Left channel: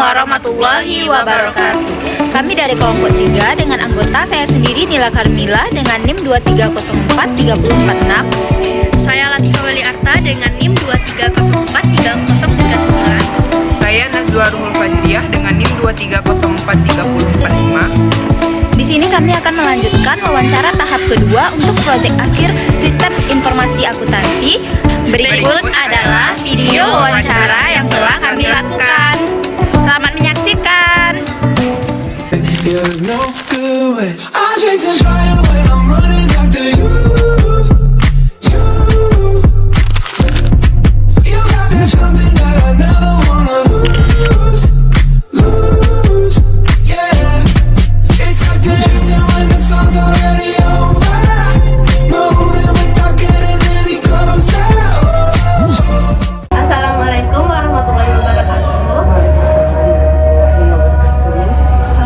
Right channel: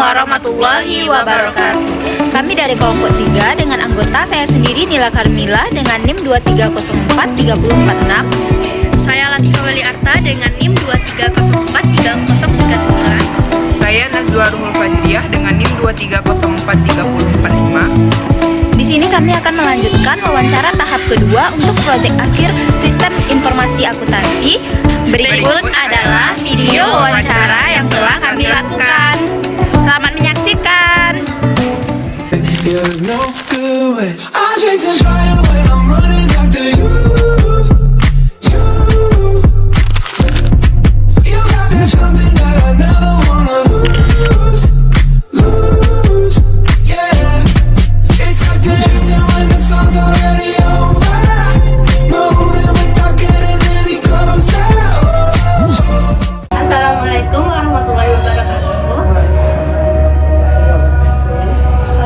warahmatullahi wabarakatuh. Kami dari kelompok 3 dengan anggota saya sendiri Nila Karmila dengan NIM 2304346. Saya Latifah Weli Arta dengan NIM 2304339. Saya Nazwa Ruhul Fajriah dengan NIM 2304345. Di sini kami akan melanjutkan wawancara tahap kedua untuk proyek akhir Sistem Informasi Akuntansi. Berikut adalah video wawancara yang telah kami lakukan. Selamat menyaksikan. Assalamualaikum warahmatullahi wabarakatuh.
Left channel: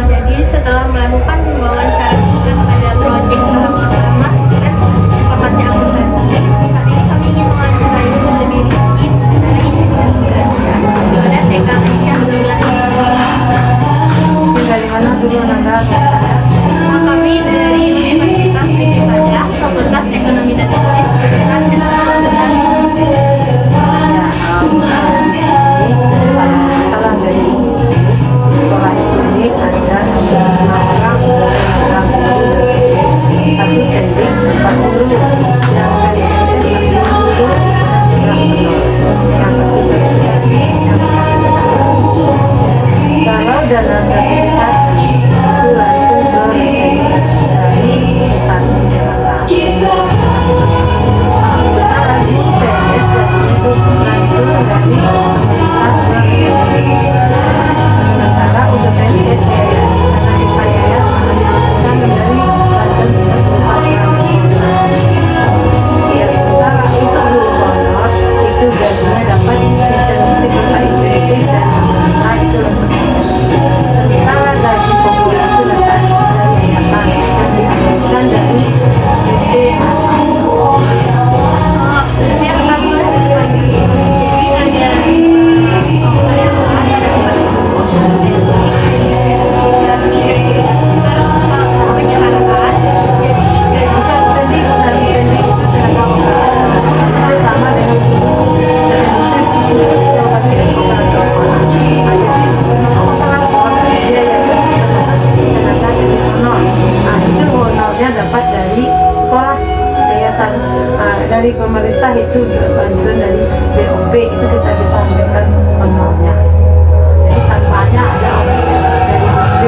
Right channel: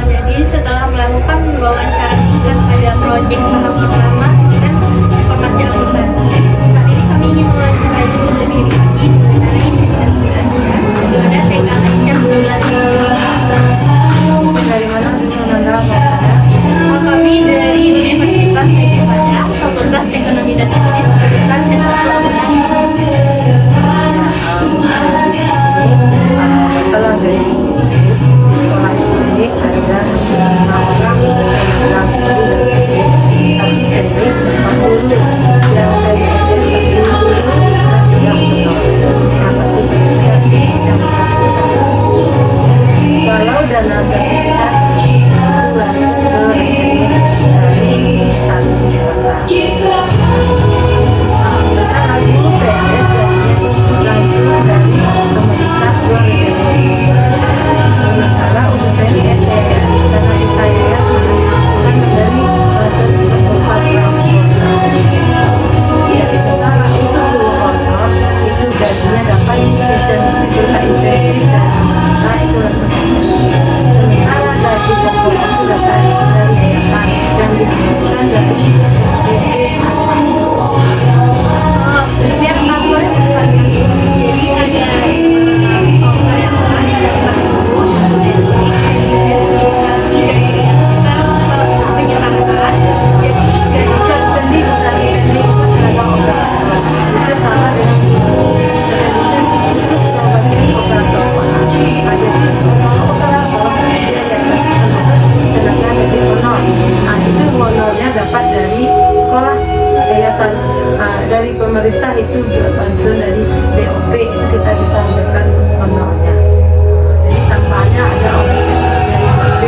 Jadi setelah melakukan wawancara singkat pada proyek tahap pertama Sistem Informasi Akuntansi, saat ini kami ingin mewawancarai ibu lebih rinci mengenai sistem penggajian pada TK Aisyah Abdullah. Dari mana dulu Nanda? Kami dari Universitas Negeri Padang, Fakultas Ekonomi dan Bisnis, jurusan S1 Akuntansi. Masalah gaji di sekolah ini ada 5 orang yang guru dari satu teknik 40 yang dari S 1 guru dan 3 penuh yang satu sertifikasi yang satu. Kalau dana sertifikasi itu langsung ke rekening dari pusat departemen. Sementara guru PNS gajinya itu langsung dari pemerintah ke rekening. Sementara untuk PNS ya karena kita yayasan kita memberi badan berupa transport. Dan sementara untuk guru honor itu gajinya dapat insentif berupa insentif dan pemerintah itu langsung ke rekening. Sementara gaji pokok itu datang dari yayasan yang diambilkan dari SPP atau Biar kamu jadi ada 5 karyawan, ada 4 guru, 1 teknik, sertifikasi dan penyerahan. Jadi gajinya tadi bukan teknik itu tenaga operator itu sama dengan guru teknik khusus yang bagian operator sekolah. Nah jadi honor operator dia ya tenaga yang honor. Nah itu honornya dapat dari sekolah yayasan. Dari pemerintah itu bantuan dari BOP itu kita bisa ambilkan honornya. Jadi tanpanya ada objek dari BOP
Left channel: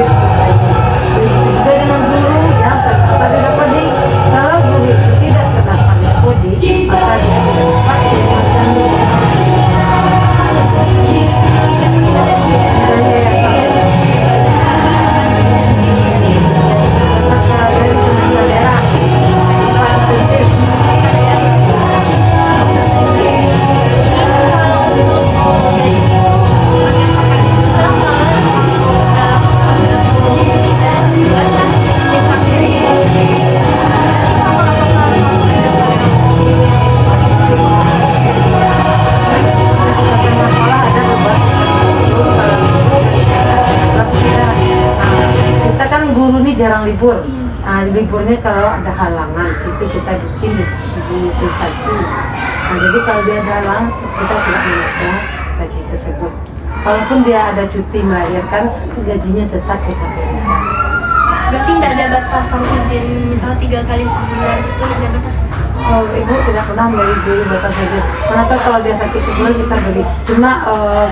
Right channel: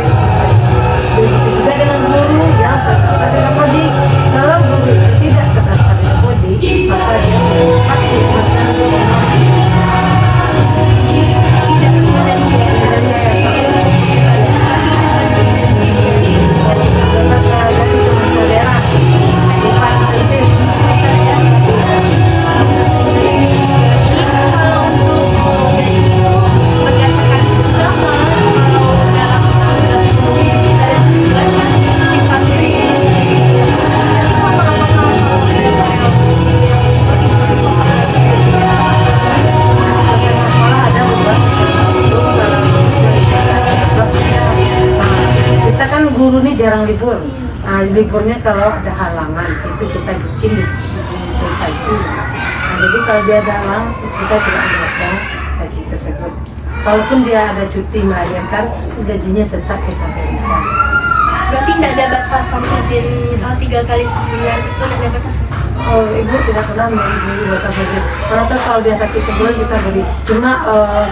juga dengan guru yang tadi dapat di kalau guru itu tidak terdaftar BOD maka dia tidak dapat dapatkan honor. kami dapatkan dari yayasan. Dapat dari pemerintah daerah berupa insentif. Berarti kalau untuk gaji itu berdasarkan Islam, kalau dalam 30 dari 1 bulan kan dipakai dari sini sampai 1 bulan. Nanti kalau apakah kalau ada karyawan yang itu Setengah sekolah ada membuat seperti itu. Kalau itu dari TK 11 kita kan guru nih jarang libur. Liburnya kalau ada halangan itu kita bikin di dispensasi. Jadi kalau dia dalam kita tidak mengejar gaji tersebut. Walaupun dia ada cuti melahirkan, gajinya tetap kita berikan. berarti tidak ada batasan izin, misalnya 3 kali sebulan itu tidak ada batasan. Oh, ibu tidak pernah beri batas gaji. Karena kalau dia sakit sebulan kita beri. Cuma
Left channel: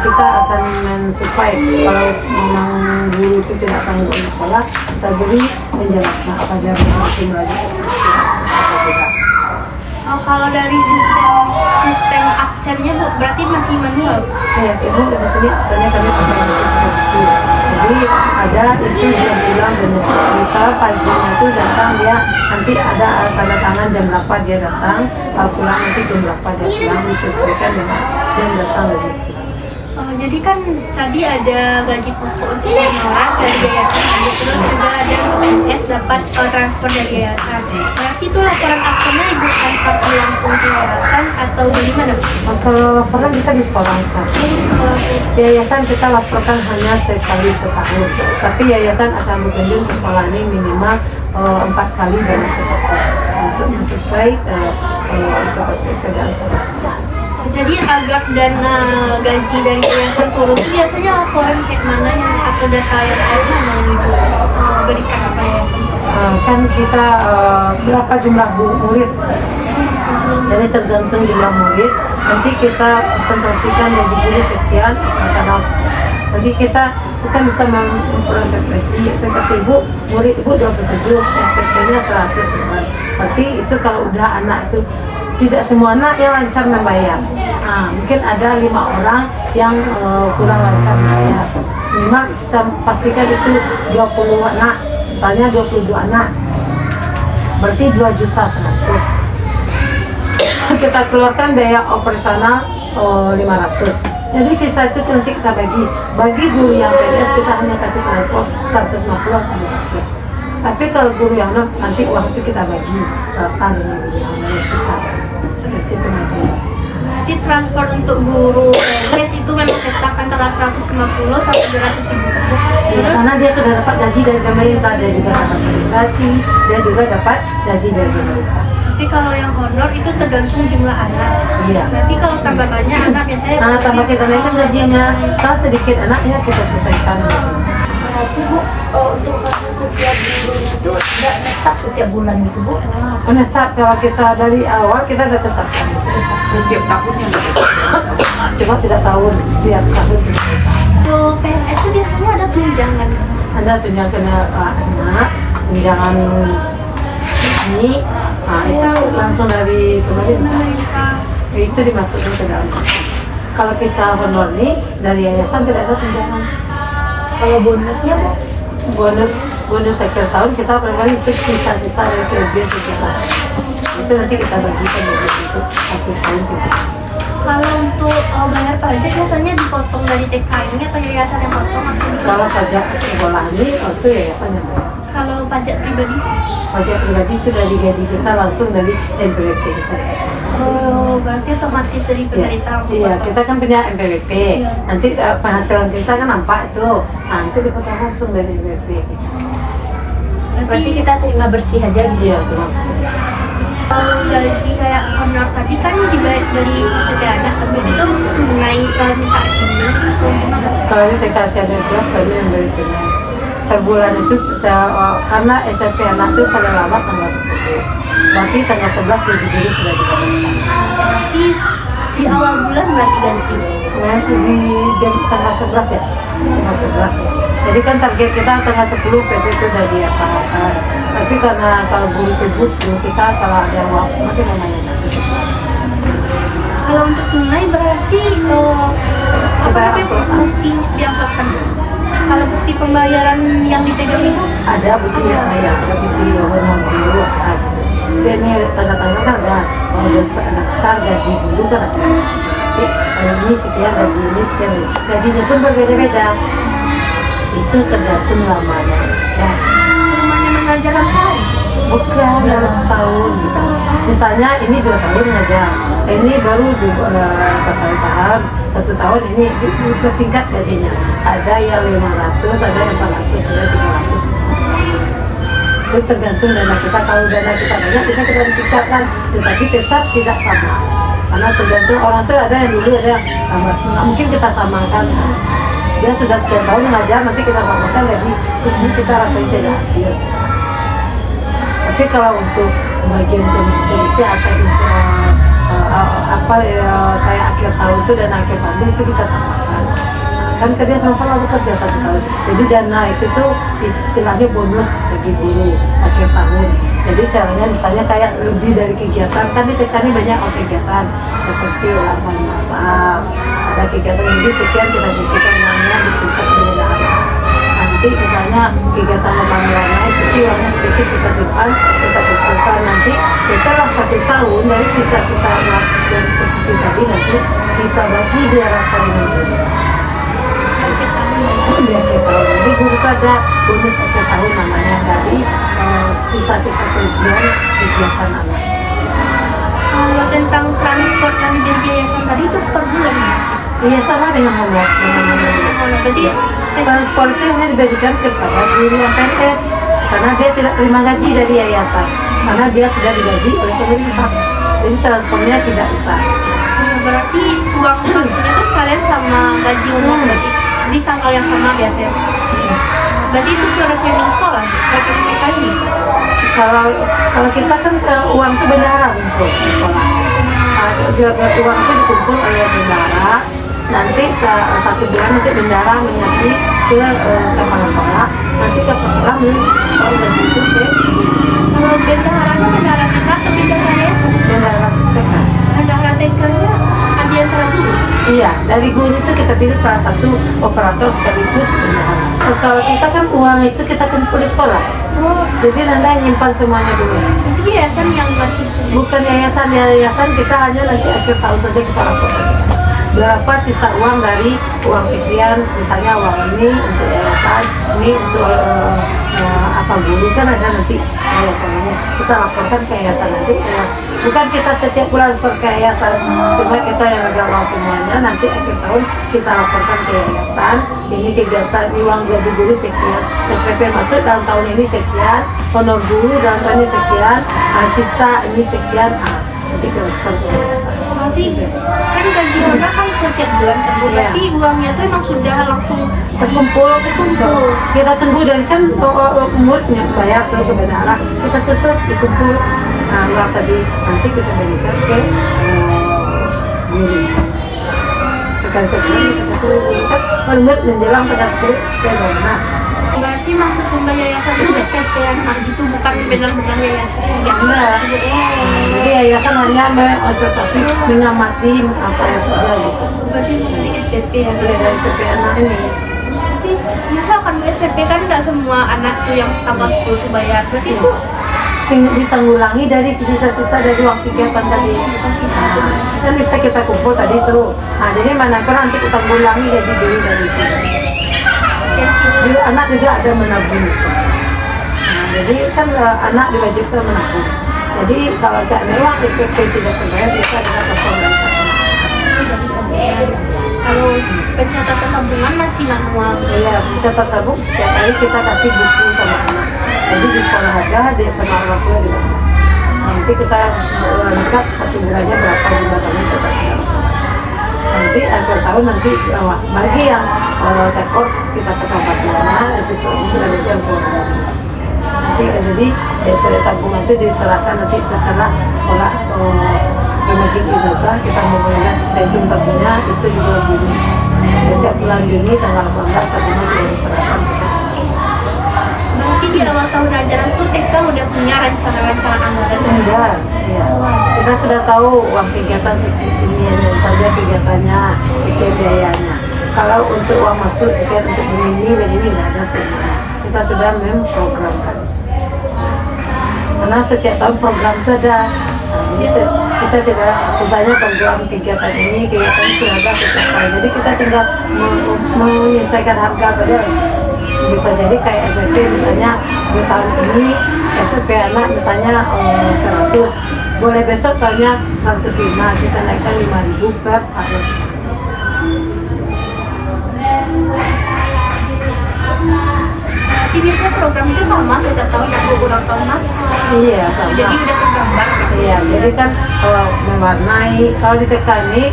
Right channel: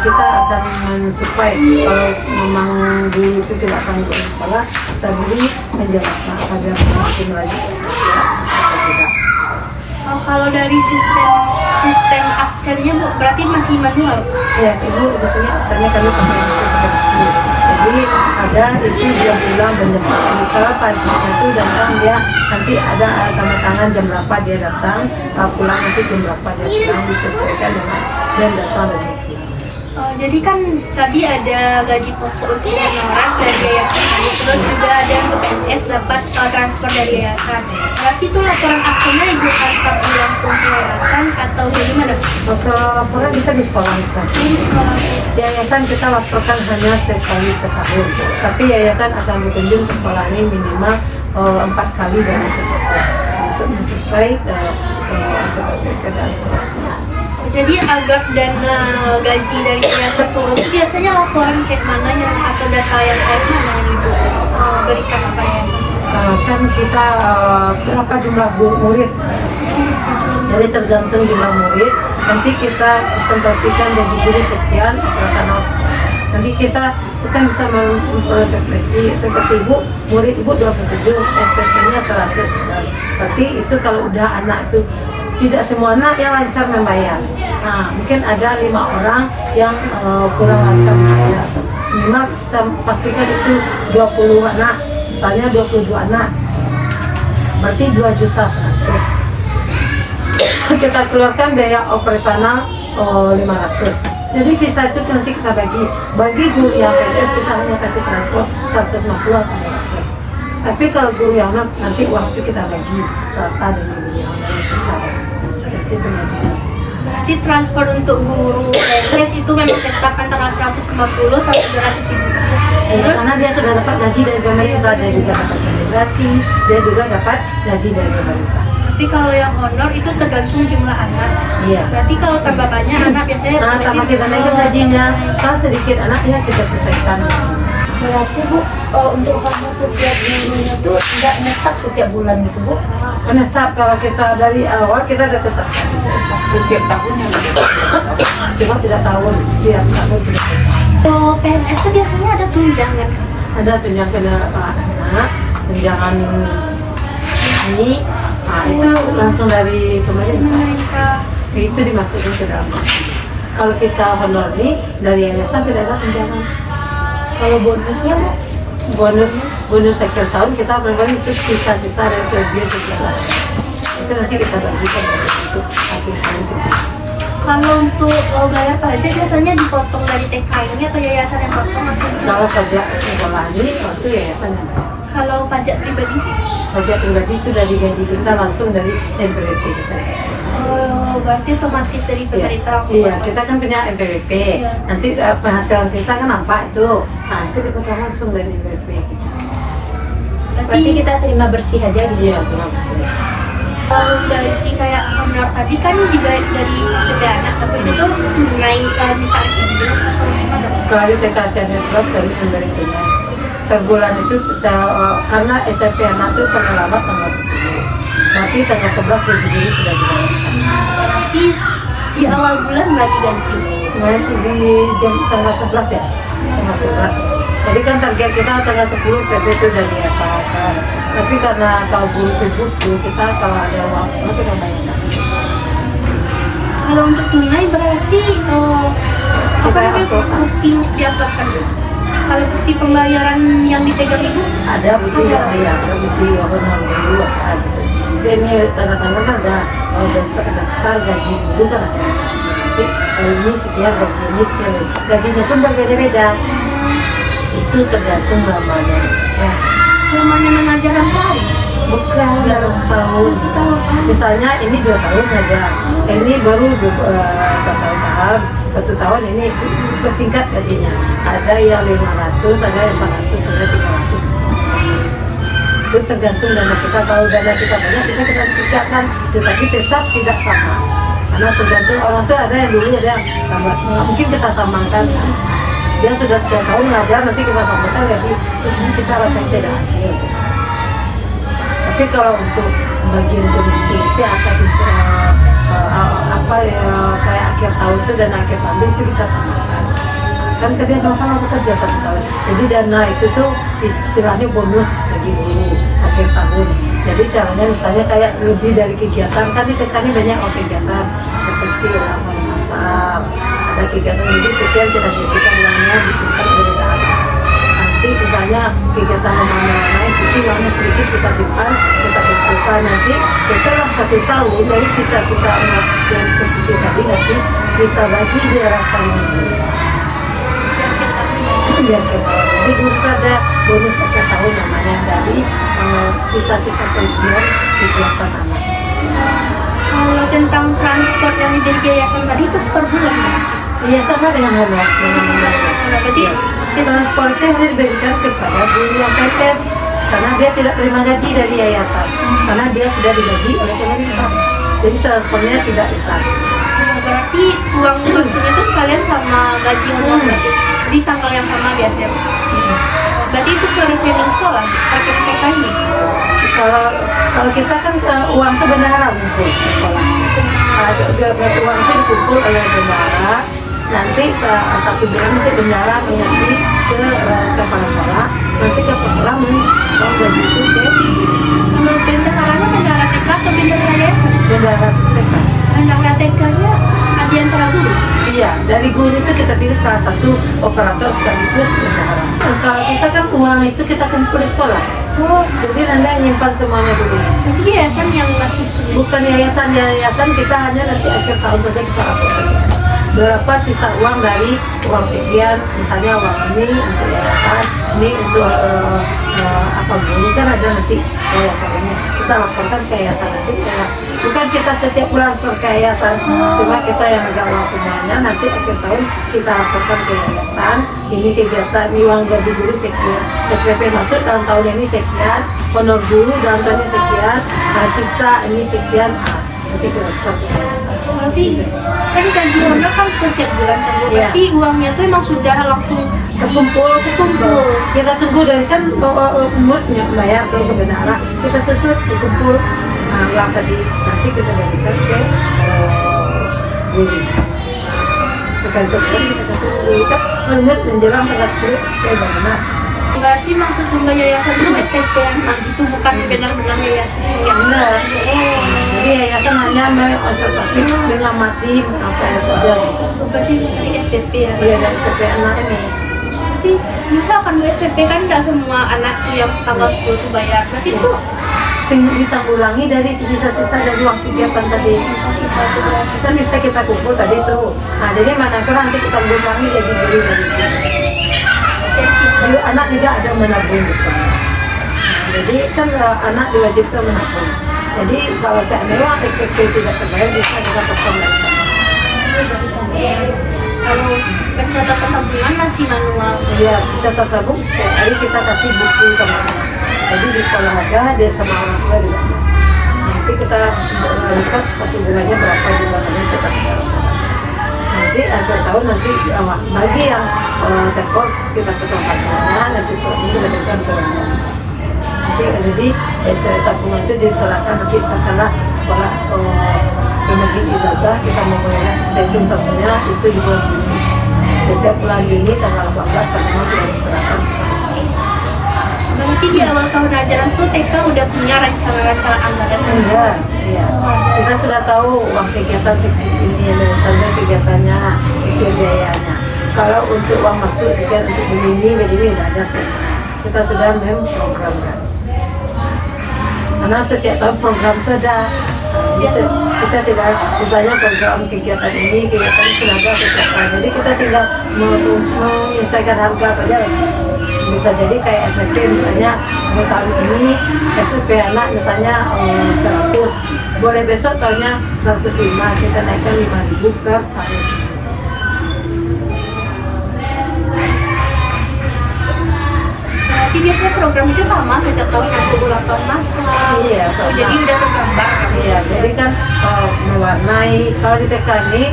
kita akan mensupply kalau memang guru itu tidak sanggup di sekolah, kita beri menjelaskan apa dia masih melanjutkan atau tidak. Kalau dari sistem absennya Bu, berarti masih manual. Ya, ibu di sini absennya kami pakai mesin fotokopi. Jadi ada itu dia bilang benar. Kalau paginya itu datang dia nanti ada tanda tangan jam berapa dia datang, pulang nanti jam berapa dia pulang disesuaikan dengan jam datang dan pulang. Jadi kan tadi ada gaji pokok untuk honorer dari yayasan kami, terus juga ada untuk PNS dapat transfer dari yayasan. Berarti itu laporan akunnya ibu angkat langsung ke yayasan atau bagaimana? Kalau laporan kita di sekolah aja. Di sekolah Bu. Yayasan kita laporkan hanya sekali setahun, tapi yayasan akan berkunjung ke sekolah ini minimal 4 kali dalam setahun untuk mensupply seperti keadaan sekolah. Jadi agar dana gaji dari yayasan turun itu biasanya laporan kayak mana yang atau data yang kayak mana yang ibu berikan apa yayasan? Kan kita berapa jumlah murid, jadi tergantung jumlah murid. Nanti kita presentasikan gaji guru sekian, operasional sekian. Nanti kita bukan bisa mempresentasi seperti ibu, murid ibu 27, SPP-nya 100 sekian. Berarti itu kalau udah anak itu tidak semua anak yang lancar membayar. Nah, mungkin ada 5 orang yang kurang lancar membayar. Minimal kita pastikan itu 20 anak, misalnya 22 anak, berarti 2.100.000. Kita keluarkan biaya operasional 500. Jadi sisa itu nanti kita bagi guru yang PNS kita hanya kasih transport 150 atau 200. Tapi kalau guru yang nanti uang itu kita bagi rata dengan guru yang sisa. Seperti itu aja. Berarti transfer untuk guru PNS itu memang tetap antara 150 sampai 200 ribu. Ya, karena dia sudah dapat gaji dari pemerintah, dia juga dapat selebrasi, dia juga dapat gaji dari pemerintah. Tapi kalau yang honor itu tergantung jumlah anak. Iya. Berarti kalau tambah banyak anak biasanya Nah, tambah kita naikin gajinya. Kalau sedikit anaknya kita sesuaikan. Berarti Bu, untuk honor setiap minggunya itu tidak netap setiap bulan gitu Bu? Menetap kalau kita dari awal kita udah tetapkan Setiap tahunnya begitu. cuma tidak tahun setiap tahun kita tetap. Kalau PNS itu biasanya ada tunjangan. Ada tunjangan anak, tunjangan ini, nah itu langsung dari pemerintah. Itu dimasukkan ke dalam. Kalau kita honor ini dari yayasan tidak ada tunjangan. Kalau bonusnya Bu? Bonus akhir tahun kita memang sisa-sisa dari kelebihan kita. Itu nanti kita bagikan untuk akhir tahun kita. Kalau untuk bayar pajak biasanya dipotong dari TKI atau yayasan yang potong atau gimana? Kalau pajak sekolah ini itu yayasan yang bayar. Kalau pajak pribadi? Pajak pribadi itu dari gaji kita langsung dari NPWP kita. Oh, berarti otomatis dari pemerintah langsung Iya, potong. kita kan punya NPWP. Iya. Nanti penghasilan kita kan nampak tuh. Nah, itu dipotong langsung dari NPWP. Berarti kita terima bersih aja gitu? Iya, terima kasih. Kalau gaji kayak honor tadi kan dibayar dari SPP anak, tapi itu tunai minta rekening atau gimana? Kalau di TKSN Plus kami memberi tunai. Per bulan itu karena SMP anak itu paling lama tanggal 10. Berarti tanggal 11 gaji guru sudah didapatkan. Di awal bulan berarti ganti. Nanti di tanggal 11 ya? Tanggal 11 ya. Jadi kan target kita tanggal 10 SMP itu sudah diapakan. Tapi karena kalau guru itu butuh, kita kalau ada uang seperti namanya nanti. Kalau untuk tunai berarti apa namanya bukti diapakan? Kalau bukti pembayaran yang dipegang ibu Ada bukti yang bayar, ada bukti honor dulu apa gitu. Dan ini tanda-tanda kan ada, kalau udah daftar gaji dulu kan ada. Ini sekian gaji, ini sekian gajinya pun berbeda-beda. Itu tergantung lamanya kerja. rumahnya mengajar dalam sehari. Bukan dalam setahun. Misalnya ini 2 tahun aja, ini baru 1 tahun ini bertingkat gajinya. Ada yang 500, ada yang 400, ada 300. Itu tergantung dana kita. Kalau dana kita banyak bisa kita tingkatkan, tetapi tetap tidak sama. Karena tergantung orang tuh ada yang dulu ada yang tambah. Nggak mungkin kita samakan. Dia sudah sekian tahun ngajar, nanti kita samakan gaji, ini kita rasanya tidak adil. Tapi kalau untuk bagian komisi-komisi atau kayak akhir tahun itu dan akhir tahun itu kita samakan. Kan kerja sama-sama bekerja 1 tahun. Jadi dana itu tuh istilahnya bonus bagi guru akhir tahun. Jadi caranya misalnya kayak lebih dari kegiatan, kan itu kan banyak kegiatan seperti ulang tahun masal, ada kegiatan jadi sekian kita sisihkan uangnya ditukar dengan dana. Nanti misalnya kegiatan pemameran lain sisi uangnya sedikit kita simpan, kita kumpulkan nanti setelah 1 tahun dari sisa-sisa yang tersisih tadi nanti kita bagi dia rata 15. Yang kita jadi guru itu ada bonus akhir tahun namanya dari sisa-sisa kerugian kegiatan anak. Kalau tentang transport yang dari yayasan tadi itu per bulan ya? Iya sama dengan homework. Berarti Transportnya hanya dibagikan kepada guru yang PNS karena dia tidak terima gaji dari yayasan karena dia sudah digaji oleh pemerintah. Jadi transportnya tidak besar. berarti uang maksudnya itu sekalian sama gaji uang berarti di tanggal yang sama biasanya. Berarti itu rekening sekolah, rekening TK ini. Kalau kita kan uang itu bendahara untuk di sekolah. Uang itu dikumpul oleh bendahara. Nanti satu bulan nanti bendahara mengasih ke kepala sekolah. Nanti kepala sekolah sekolah gaji itu ke Kalau bendaharanya bendahara TK atau bendahara yayasan? bendahara TK. Bendahara TK-nya ada antara guru. Iya, dari guru itu kita pilih salah satu operator sekaligus bendahara. Nah, kalau kita kan uang itu kita kumpul di sekolah. Oh, Jadi Nanda nyimpan semuanya dulu. itu yayasan yang ngasih penelitian. Bukan yayasan kita hanya nanti akhir tahun saja kita laporkan. Berapa sisa uang dari uang sekian, misalnya uang ini untuk yayasan, ini untuk apa guru kan ada nanti laporannya. Kita laporkan ke yayasan nanti. Bukan kita setiap bulan store ke yayasan, cuma kita yang megang uang semuanya. Nanti akhir tahun kita laporkan ke yayasan. Ini kegiatan ini uang gaji guru sekian, SPP masuk dalam tahun ini sekian, honor guru dalam tahun ini sekian, sisa ini sekian. Nanti kita store ke yayasan. Berarti kan gaji honor kan setiap bulan tentu. Berarti uangnya itu emang sudah langsung terkumpul. Kita tunggu dari kan umur tidak bayar ke bendahara, kita susun dikumpul. Nah, uang tadi nanti kita berikan ke guru. Sekali sebulan kita kasih guru kan menurut menjelang tanggal 10 Februari. berarti maksud sumber yayasan itu SPP anak itu bukan benar-benar yayasan yang Benar. Jadi yayasan hanya mengobservasi, mengamati apa yang saja gitu. berarti bukan di SPP ya. Mulai dari SPP anak ini. Tapi misalkan SPP kan tidak semua anak tuh yang tanggal 10 itu bayar. Berarti itu Ditanggulangi dari sisa-sisa dari uang kegiatan tadi. sisa-sisa itu berarti. Kan bisa kita kumpul tadi tuh. Nah, jadi mana kan nanti kita ulangi gaji guru dari itu. Dan sisa Dulu anak juga ada menabung di sekolah. Nah, jadi kan anak diwajibkan menabung. Jadi kalau seandainya SPP tidak terbayar bisa kita potong. dari tabungan. Kalau pencatatan tabungan masih manual. Iya, bisa tertabung setiap hari kita kasih buku sama anak. Jadi di sekolah ada, dia sama orang tua juga. Nanti kita lihat satu bulannya berapa jumlah tahun kita share. Nanti akhir tahun nanti bagi yang tekor kita potong tabungannya, sistem ini kita berikan ke orang. Nanti jadi hasil tabungan itu diserahkan nanti setelah sekolah menagih ijazah kita mau melihat statement tabungannya itu di bulan Juni. Setiap bulan Juni tanggal 18 tabungan sudah diserahkan. Berarti di awal tahun ajaran tuh TK udah punya rencana-rencana anggaran. Enggak, ya. Kita sudah tahu uang kegiatan ini dan saja kegiatannya, itu biayanya. Kalau untuk uang masuk sekian untuk begini tidak ada sih. Kita sudah memprogramkan. Karena setiap tahun program itu ada. Jadi kita tidak misalnya program kegiatan ini sudah ada setiap tahun. Jadi kita tinggal menyesuaikan harga saja. Bisa jadi kayak SPP misalnya di tahun ini SPP anak misalnya 100, boleh besok tanya 105, kita naikkan 5.000 per tahun. Berarti biasanya program itu sama setiap tahun ada ulang tahun masal. Iya, sama. Jadi udah tergambar kan? Iya, jadi kan mewarnai, kalau di TK ini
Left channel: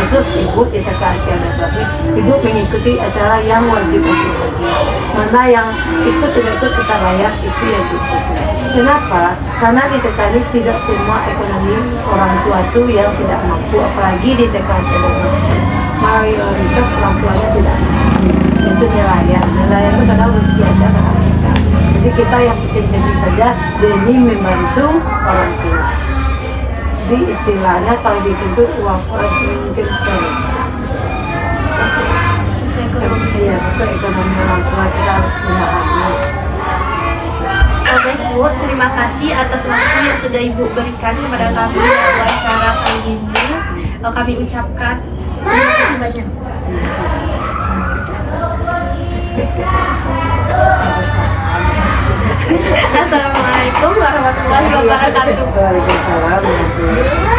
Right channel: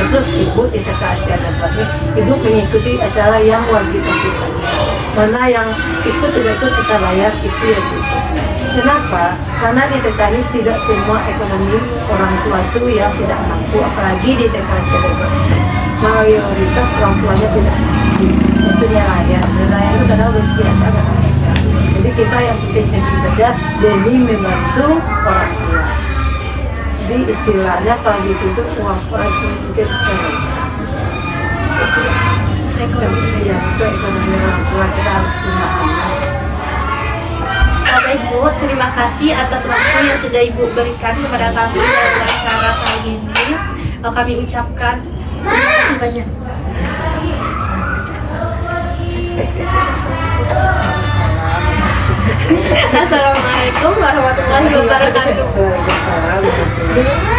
khusus ibu di TK Asiana berarti ibu mengikuti acara yang wajib ikut. Mana yang ikut tidak ikut kita bayar itu yang gitu. Kenapa? Karena di TK ini tidak semua ekonomi orang tua itu yang tidak mampu, apalagi di TK Asiana mayoritas orang tuanya tidak mampu untuk nelayan. Nelayan itu kadang rezeki aja anak kita. Jadi kita yang penting-penting saja demi membantu orang tua. Jadi istilahnya kalau gitu itu uang sekolah mungkin iya sesuai ekonomi orang tua kita harus gunakan. Baik Bu, terima kasih atas waktu yang sudah Ibu berikan kepada kami dalam wawancara kali ini. kami ucapkan. Terima kasih banyak. Assalamualaikum warahmatullahi wabarakatuh. Waalaikumsalam warahmatullahi wabarakatuh.